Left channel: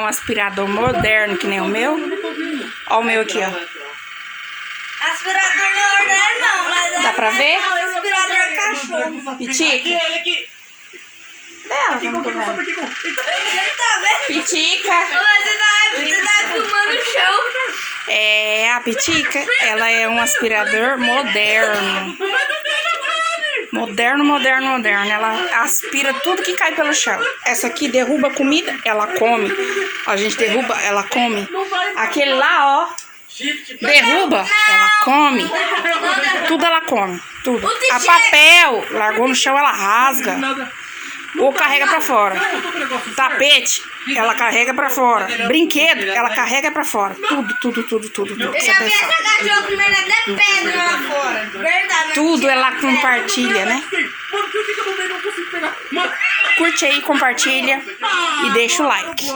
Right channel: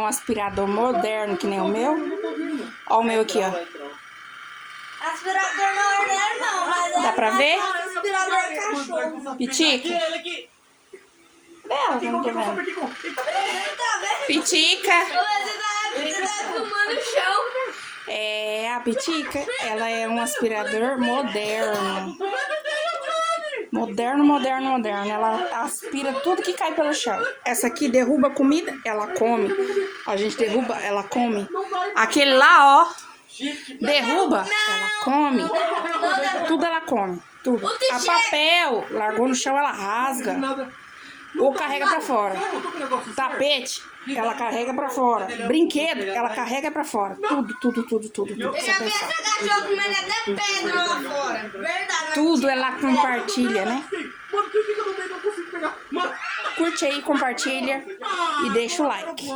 um aspirador moderno que nem o meu. Ó o meu aqui, ó. Aspirador não é moderno, não, mas é... Dá pra ver? É um aspirador cachorro. Pitica. Vamos ver. Você tá vendo? Pitica. Você tá filmando o chão. É, a Pitica, ela é um aspirador moderno. Moderno. Ela aspira tudo que cai pelo chão. Essa aqui derruba comida, ela come. A gente derruba, ela come. Aquele lá, ó, derruba, ela come. Tudo ela come, tudo. A papel, largou no chão, ela rasga. Ou carrega pra fora. Tapete, ela carrega pra fora. Brinquedo, ela carrega pra fora. Tudo. Eu já vi essa cachorra comendo até pedra lá fora. Verdade. Tudo ela compartilha, né? Curte aí, compartilha e deixa o like.